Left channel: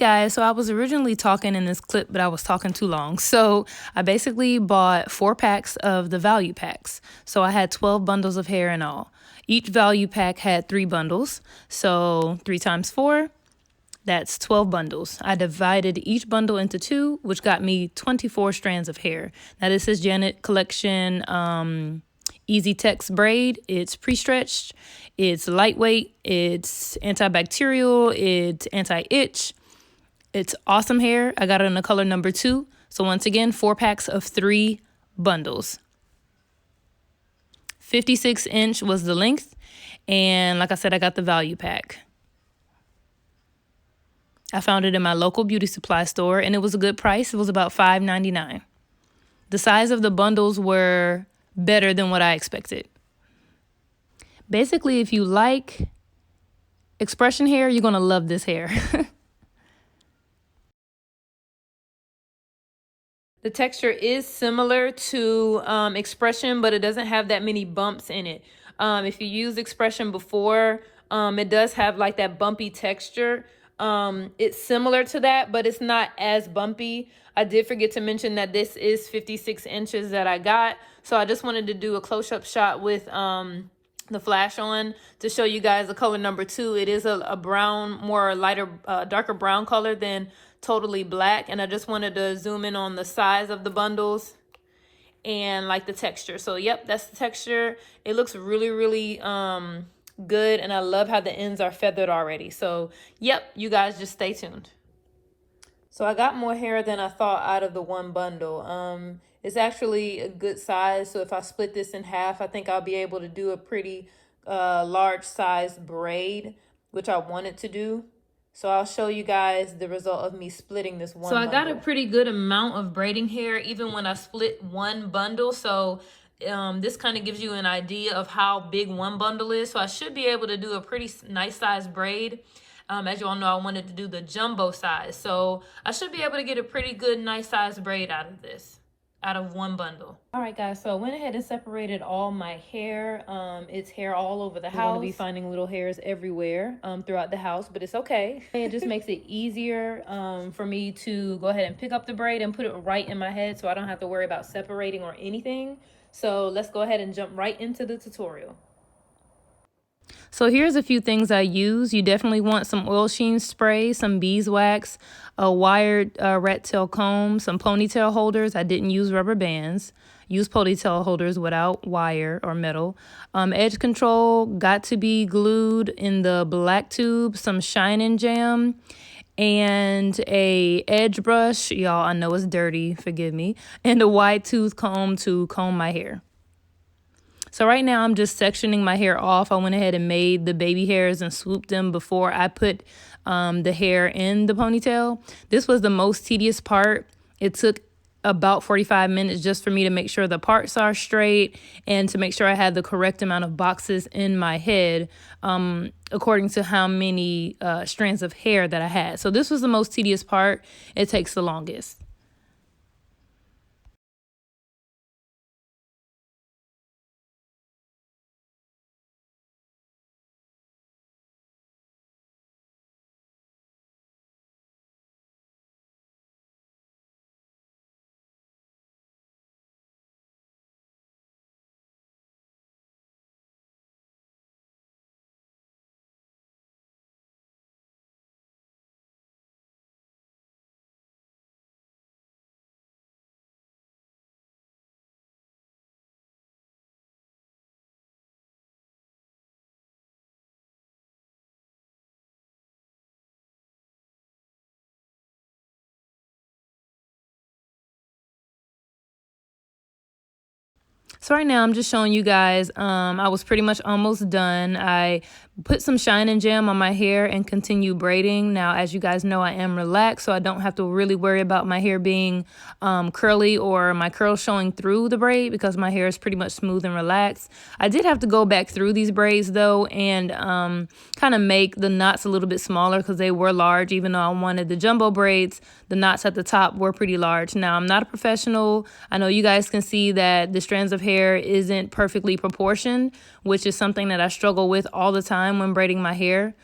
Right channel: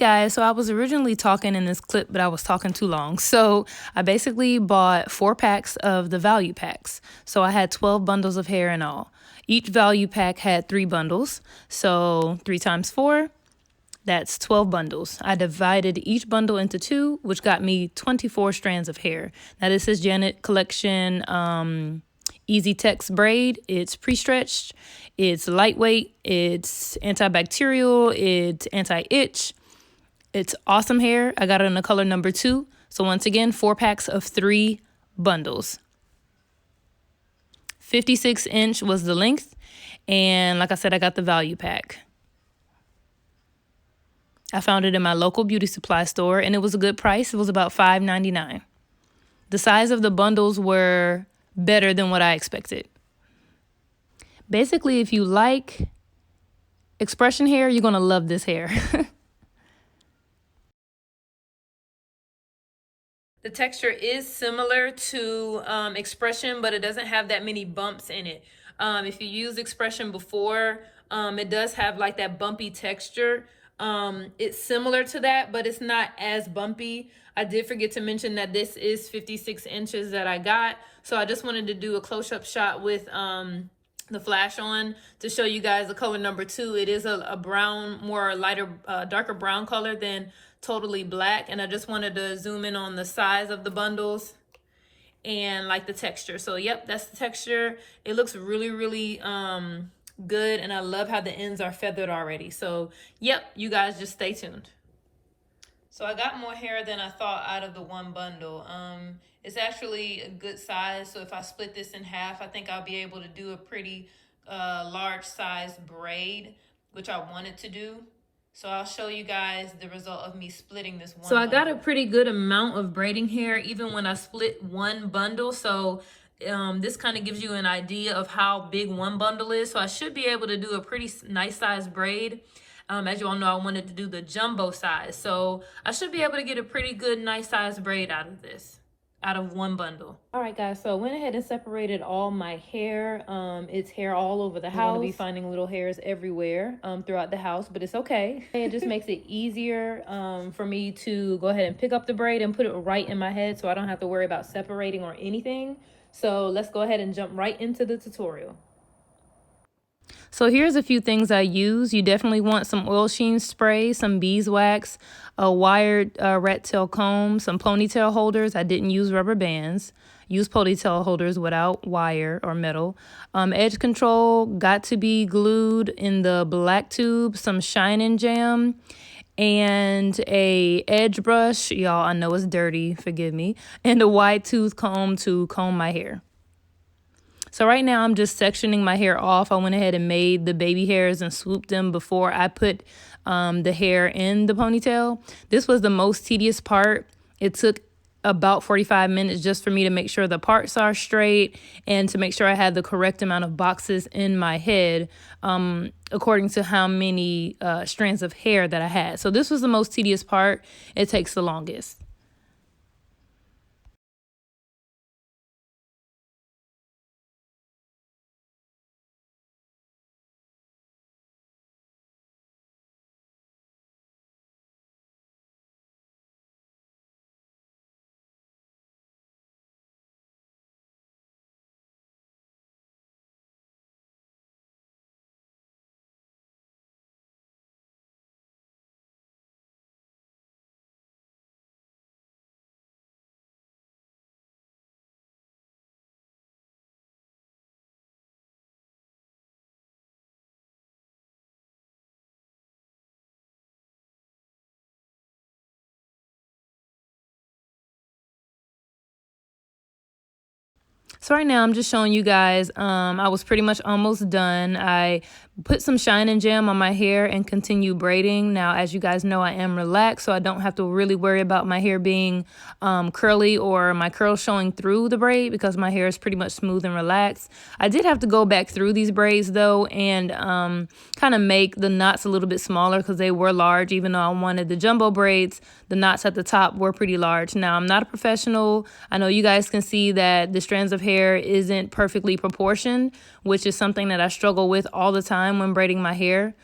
guys, so I was originally talking in this clip, but I was talking too long. So I basically bought 4 packs of the value packs. So I had 12 bundles of hair in all. Each value pack had 3 bundles. So 3 times 4, that's 12 bundles. I divided each bundle into 2, which got me 24 strands of hair. Now this is Janet Collection EX Tex Braid. It's pre-stretched, it's lightweight, it's antibacterial, it's anti-itch. It's awesome hair. I got it in the color number 2. So once again, 4 packs of 3 bundles. 56-inch was the length. And like I said, I got the value pack. I found it in my local beauty supply store, and it was a good price. It was about $5.99. The size of the bundles were better than what I expected. Basically, if you like expression hair, you're going to love this hair. The texture is similar to expression, but it doesn't have that many bumps in it. If you use expression before, it does have like that bumpy texture. It's similar to that, but it's not as bumpy. I did forget to mention that this is 56 inches that I got. So I just wanted to do a close-up shot with the flash on to show you guys the color number 2. It is a brown, more lighter, darker brown color than totally black. And I just wanted to zoom in on the size of the bundles and like the texture. So yep, that's the texture. It looks really, really good, and I love how the ends are feathered already. So yep, you guys just stay tuned. So I got more hair than I thought out of the one bundle. It's actually a good size, so if I split this in half, I think I'll be able to do a pretty large size braid, which I wanted to do. So I'll show you guys the result of me splitting this one. So I got a pretty good amount of braiding hair even when I split one bundle. So this kind of gives you an idea of how big one bundle is. So I should be able to do a pretty nice size braid. As you all know, I wanted to do the jumbo size. So I should be able to get a pretty good, nice size braid out of this, out of one bundle. All right, guys, so I went ahead and separated all my hair. It's hair all over the house. You're going to be finding little hairs everywhere throughout the house, but it's okay. It just makes it easier for me to go ahead and pick up the braid and put it right in my head so I don't have to worry about separating or anything. So let's go ahead and jump right into the tutorial. So here's a few things I use. You definitely want some oil sheen spray, some beeswax, a wired rat tail comb, some ponytail holders. I didn't use rubber bands. Use ponytail holders without wire or metal. Edge control got to be glued in the black tube, some shine-in jam, and a edge brush. Y'all, I know it's dirty, forgive me. And a wide tooth comb to comb my hair. So right now I'm just sectioning my hair off. I went ahead and made the baby hairs and swooped them before I put the hair in the ponytail. This was the most tedious part. It took about 45 minutes just for me to make sure the parts are straight and to make sure I had the correct amount of boxes in my head according to how many strands of hair that I had. So this was the most tedious part. It takes the longest. So right now I'm just showing you guys, I was pretty much almost done. I put some shine-in jam on my hair and continue braiding. Now, as you guys know, I am relaxed, so I don't have to really worry about my hair being curly or my curls showing through the braid because my hair is pretty much smooth and relaxed. I did have to go back through these braids though and kind of make the knots a little bit smaller because they were large. Even though I wanted the jumbo braids, the knots at the top were pretty large. Now, I'm not a professional. I know you guys can see that the strands of hair isn't perfectly proportioned, which is something that I struggle with all the time when braiding my hair.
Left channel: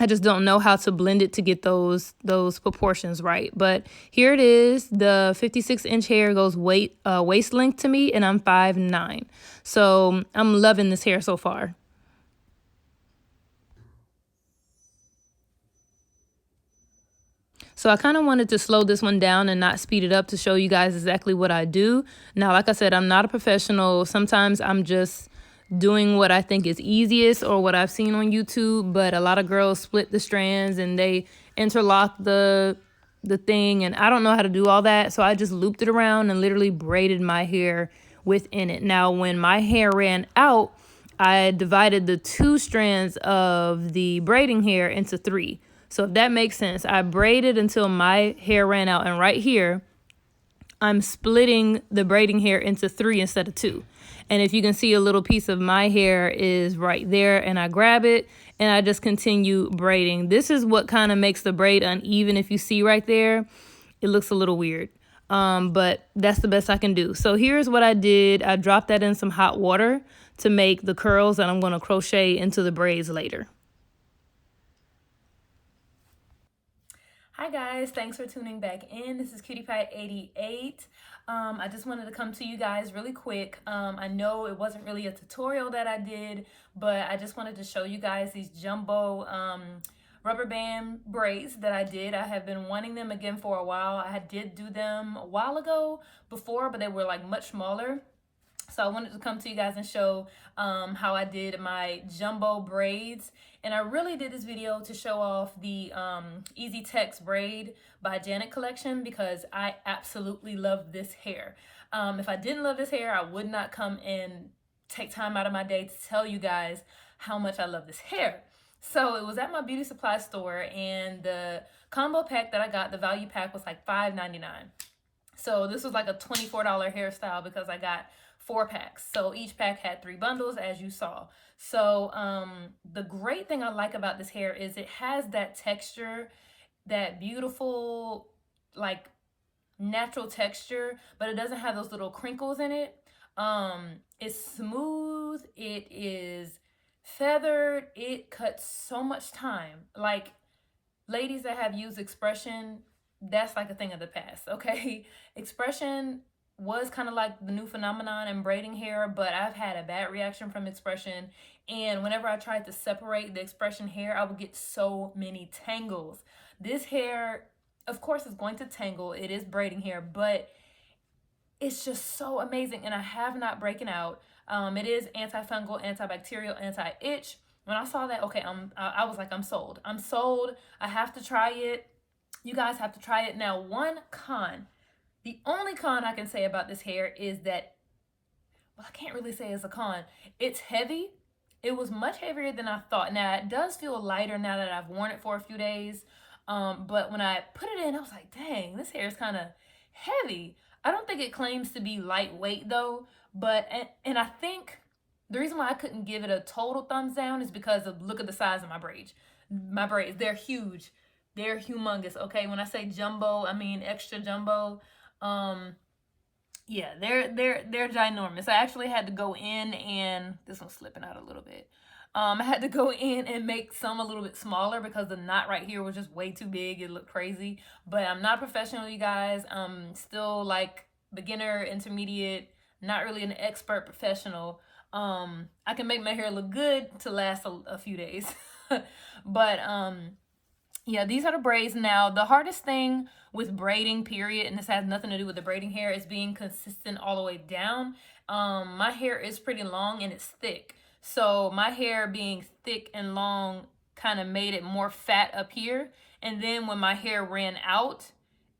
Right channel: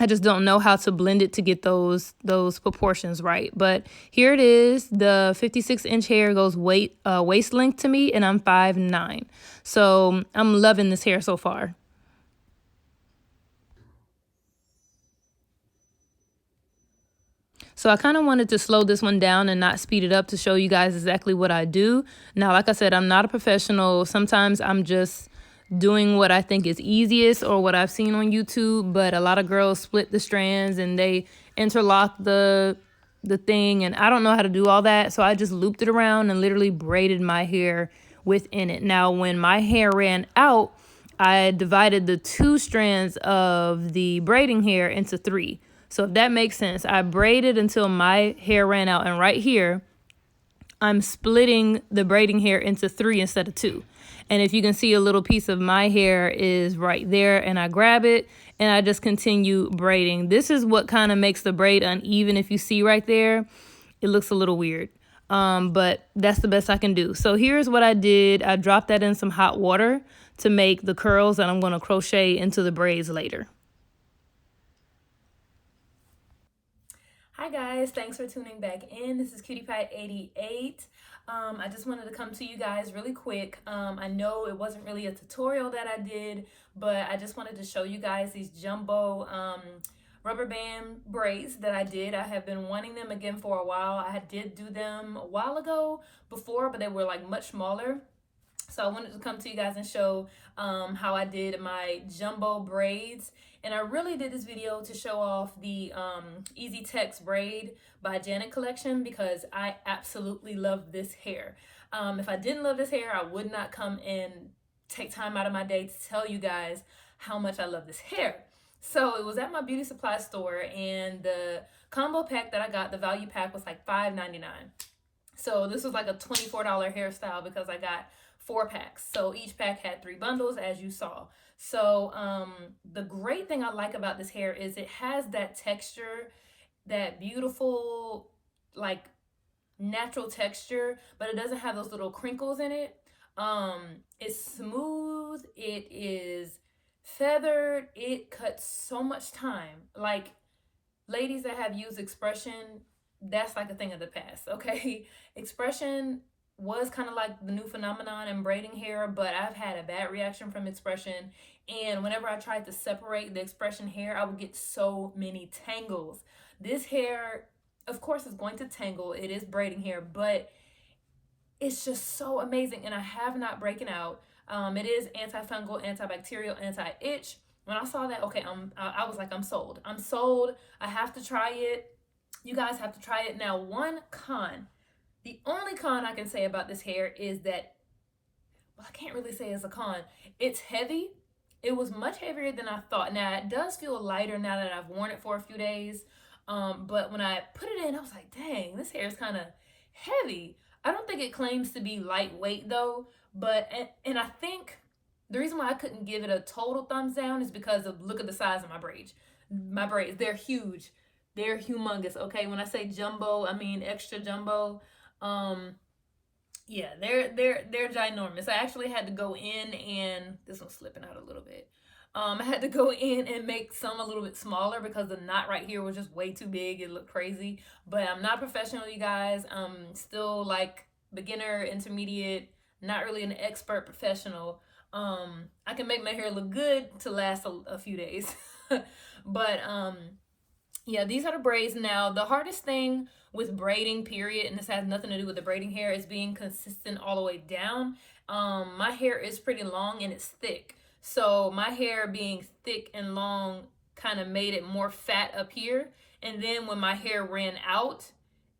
I just don't know how to blend it to get those proportions right. But here it is. The 56-inch hair goes waist length to me, and I'm 5'9". So I'm loving this hair so far. So I kind of wanted to slow this one down and not speed it up to show you guys exactly what I do. Now, like I said, I'm not a professional. Sometimes I'm just doing what I think is easiest or what I've seen on YouTube, but a lot of girls split the strands and they interlock the thing, and I don't know how to do all that. So I just looped it around and literally braided my hair within it. Now, when my hair ran out, I divided the 2 strands of the braiding hair into 3. So if that makes sense, I braided until my hair ran out. And right here, I'm splitting the braiding hair into 3 instead of 2. And if you can see, a little piece of my hair is right there, and I grab it and I just continue braiding. This is what kind of makes the braid uneven. If you see right there, it looks a little weird. But that's the best I can do. So here's what I did. I dropped that in some hot water to make the curls that I'm going to crochet into the braids later. Hi guys, thanks for tuning back in. This is Cutie Pie 88. I just wanted to come to you guys really quick. I know it wasn't really a tutorial that I did, but I just wanted to show you guys these jumbo rubber band braids that I did. I have been wanting them again for a while. I did do them a while ago before, but they were like much smaller. So I wanted to come to you guys and show how I did my jumbo braids. And I really did this video to show off the Easy Tex Braid by Janet Collection, because I absolutely love this hair. If I didn't love this hair, I would not come and take time out of my day to tell you guys how much I love this hair. So it was at my beauty supply store, and the combo pack that I got, the value pack, was like $5.99. So this was like a $24 hairstyle because I got 4 packs. So each pack had 3 bundles, as you saw. So the great thing I like about this hair is it has that texture, that beautiful, like, natural texture, but it doesn't have those little crinkles in it. It's smooth. It is feathered. It cuts so much time. Like, ladies that have used Expression, that's like a thing of the past, okay? Expression was kind of like the new phenomenon in braiding hair, but I've had a bad reaction from Expression, and whenever I tried to separate the Expression hair, I would get so many tangles. This hair, of course, is going to tangle. It is braiding hair, but it's just so amazing, and I have not broken out. It is antifungal, antibacterial, anti-itch. When I saw that, okay, I was like, I'm sold. I'm sold. I have to try it. You guys have to try it. Now, the only con I can say about this hair is that, well, I can't really say it's a con. It's heavy. It was much heavier than I thought. Now, it does feel lighter now that I've worn it for a few days. But when I put it in, I was like, dang, this hair is kind of heavy. I don't think it claims to be lightweight though. But, and I think the reason why I couldn't give it a total thumbs down is because of, look at the size of my braids. My braids, they're huge. They're humongous, okay? When I say jumbo, I mean extra jumbo. Yeah, they're ginormous. I actually had to go in, and this one's slipping out a little bit. I had to go in and make some a little bit smaller because the knot right here was just way too big. It looked crazy. But I'm not professional, you guys. I'm still like beginner, intermediate, not really an expert professional. I can make my hair look good to last a few days. But yeah, these are the braids. Now, the hardest thing with braiding, period, and this has nothing to do with the braiding hair, is being consistent all the way down. My hair is pretty long and it's thick. So my hair being thick and long kind of made it more fat up here. And then when my hair ran out,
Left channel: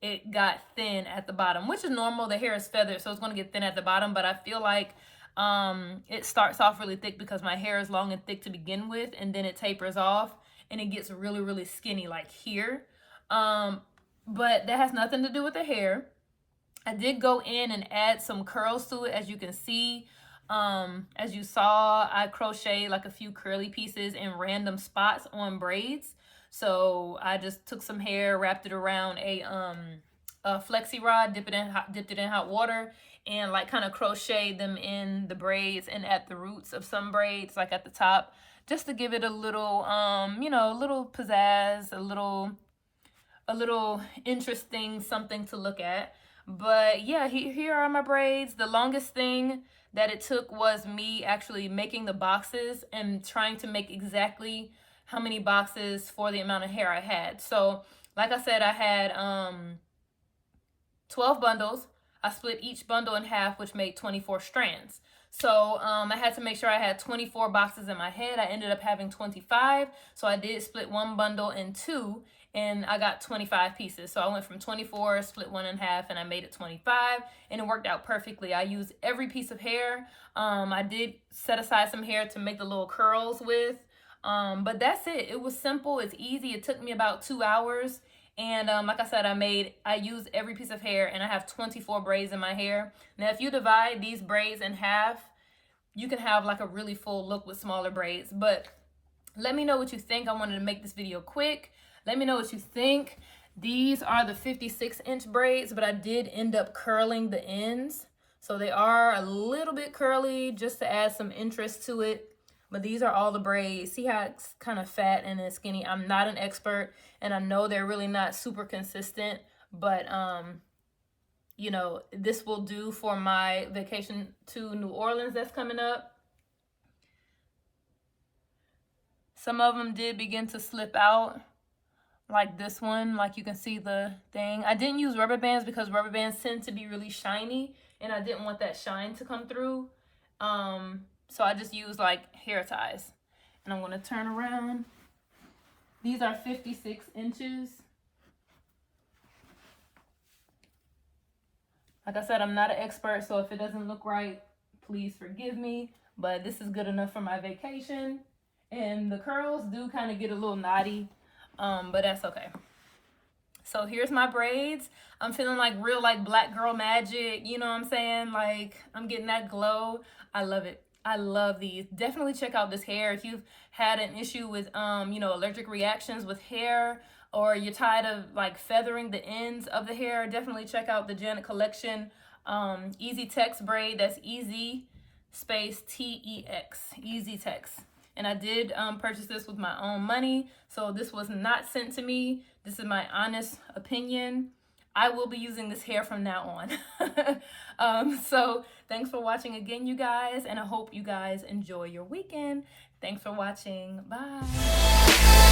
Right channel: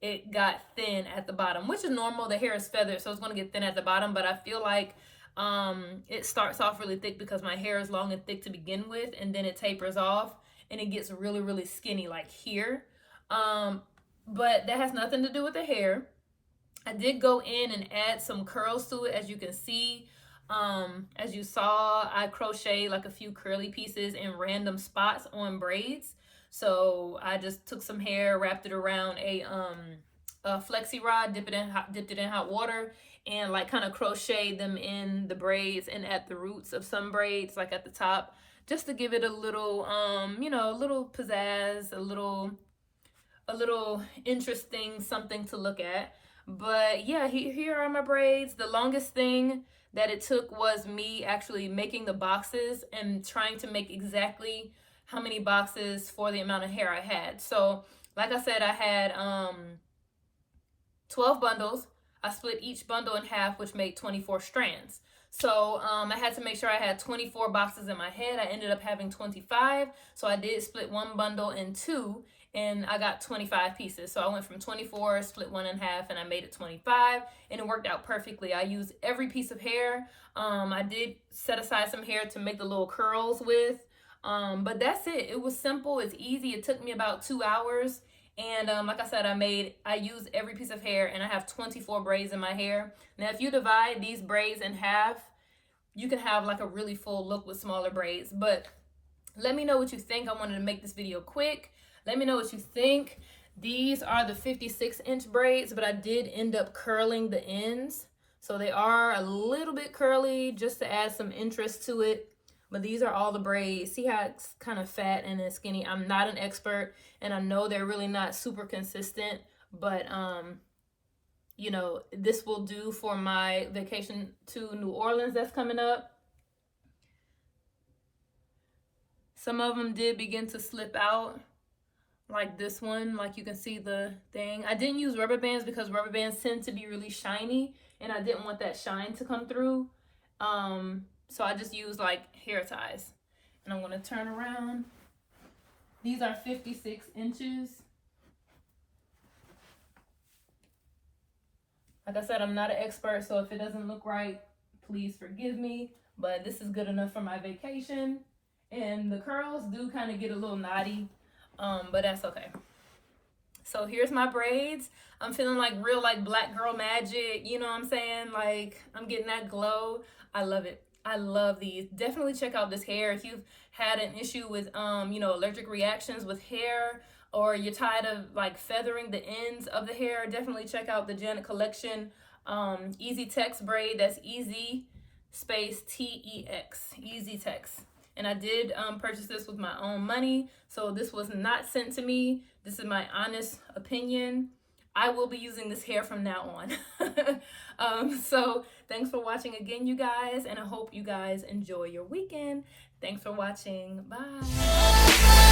it got thin at the bottom, which is normal. The hair is feathered, so it's going to get thin at the bottom. But I feel like it starts off really thick because my hair is long and thick to begin with, and then it tapers off and it gets really, really skinny like here. But that has nothing to do with the hair. I did go in and add some curls to it, as you can see. As you saw, I crocheted like a few curly pieces in random spots on braids. So I just took some hair, wrapped it around a flexi rod, dipped it in hot water, and like kind of crocheted them in the braids and at the roots of some braids, like at the top, just to give it a little, you know, a little pizzazz, a little interesting something to look at. But yeah, here are my braids. The longest thing that it took was me actually making the boxes and trying to make exactly how many boxes for the amount of hair I had. So like I said, I had 12 bundles. I split each bundle in half, which made 24 strands. So I had to make sure I had 24 boxes in my head. I ended up having 25. So I did split one bundle in two, and I got 25 pieces. So I went from 24, split one in half, and I made it 25, and it worked out perfectly. I used every piece of hair. I did set aside some hair to make the little curls with, but that's it. It was simple. It's easy. It took me about 2 hours. And like I said, I used every piece of hair, and I have 24 braids in my hair. Now, if you divide these braids in half, you can have like a really full look with smaller braids. But let me know what you think. I wanted to make this video quick. Let me know what you think. These are the 56-inch braids, but I did end up curling the ends. So they are a little bit curly just to add some interest to it. But these are all the braids. See how it's kind of fat and then skinny. I'm not an expert, and I know they're really not super consistent, but you know, this will do for my vacation to New Orleans that's coming up. Some of them did begin to slip out, like this one, like you can see the thing. I didn't use rubber bands because rubber bands tend to be really shiny, and I didn't want that shine to come through. So I just used like hair ties. And I'm going to turn around. These are 56 inches. Like I said, I'm not an expert, so if it doesn't look right, please forgive me. But this is good enough for my vacation. And the curls do kind of get a little knotty, but that's okay. So here's my braids. I'm feeling like real like black girl magic, you know what I'm saying? Like I'm getting that glow. I love it. I love these. Definitely check out this hair if you've had an issue with you know, allergic reactions with hair, or you're tired of like feathering the ends of the hair. Definitely check out the Collection EX Tex Braid. That's EZ space TEX, EX Tex. And I did purchase this with my own money, so this was not sent to me. This is my honest opinion. I will be using this hair from now on. So thanks for watching again, you guys, and I hope you guys enjoy your weekend. Thanks for watching. Bye.